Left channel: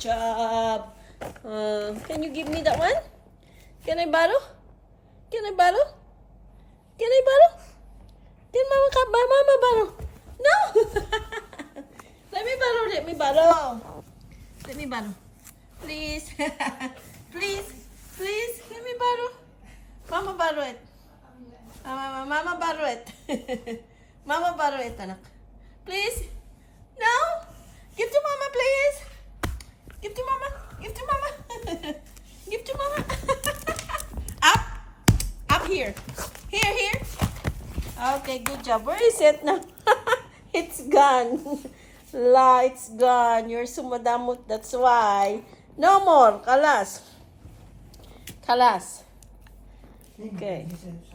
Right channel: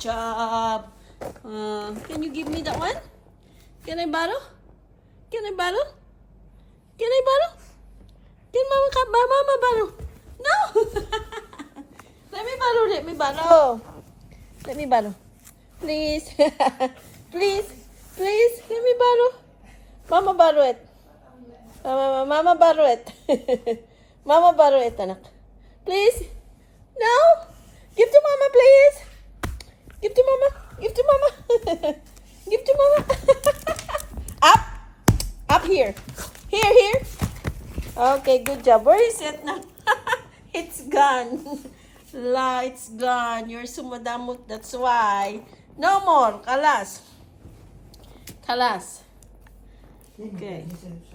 job. Can you give me that one? Can I borrow? Can I borrow? Can I borrow? Can Mama borrow? No! Let me borrow. Let me borrow. Let me borrow. Please. Please. Please. Let me borrow. Mama borrow it. Mama borrow it. Mama borrow it, anak. Please. No. Give to Mama, please. Give to Mama. Give to Mama. Give to Mama. Up. Up here. Here. Okay, good job. Where is it now? It's gone. La, it's gone. You're sumadamot. That's why. No more. Kalas. Kalas. Okay.